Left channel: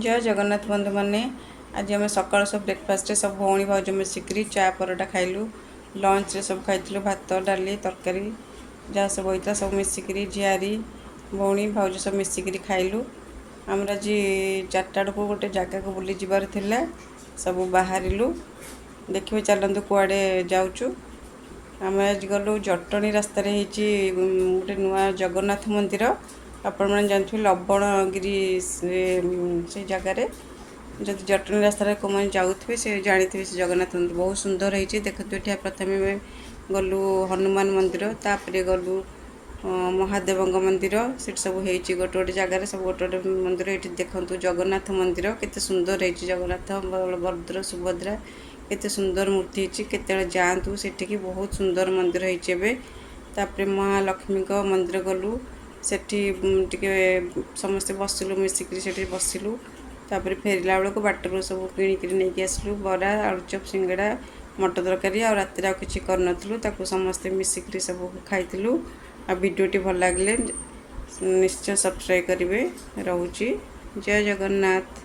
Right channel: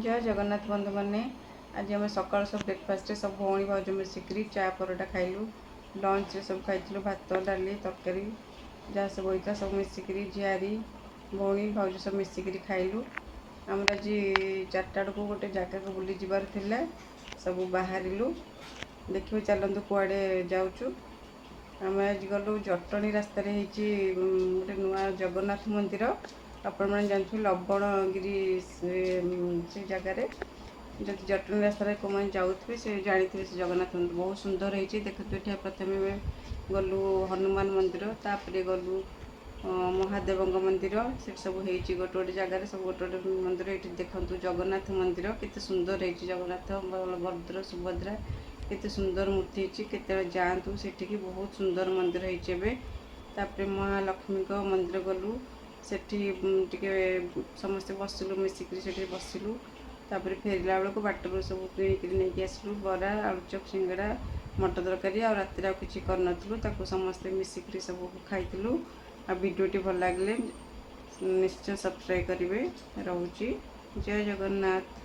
जय जगन्नाथ बंधु मैंने आज आम सकाल सब ब्रेकफास्ट सब भौणी भाज मिसिक चा परोटा खाइलु। लंच रे सब खाइलु भात डाली तरकारी जहाँ सब होता सब मिसिक झियारी भौणी भाज सब मिसिक खाइलु। आम आज 4टा को गोटे जगह को बुली जबार थिला सब बाहरिलु। देखिए चलतु कुआड़े जाऊँ। आम आज गलु जटणी रास्तार गोटे नुआ जगन्नाथ मंदिर आपण मैंने जानते लवणगिरी से जगार जब जटणी रास्तार को मैंने जाऊे से जानी थे से जगन्नाथ मंदिर बहुत सुंदर होती। देखते ये प्रथम गलु हनुमान मंदिर तापर गलु महादेव मंदिर से सब हो गोटे गोटे जगार सब गोटे गोटे मंदिर ये देखते जगन्नाथ मंदिर केते सुंदर है। जगन्नाथ बलभद्र सुभद्रा केते सुंदर मूर्ति होते जातु सेठिकी बहुत सुंदर मंदिर होपर महालक्ष्मी मंदिर गलु सेठी समस्ते बसिलु मिसिक बसिलु। तापर फेरला बेलू बाटर सब किणिक नहीं आसलु बरा आलुचप सिंगड़ा मटर तरकारी आ रातिर आ कि कर समस्ते मिसिक सब खाइलु। आ वीडियोटी भल लगे निश्चय सब्सक्राइब करेंगे। रोची जय जगन्नाथ।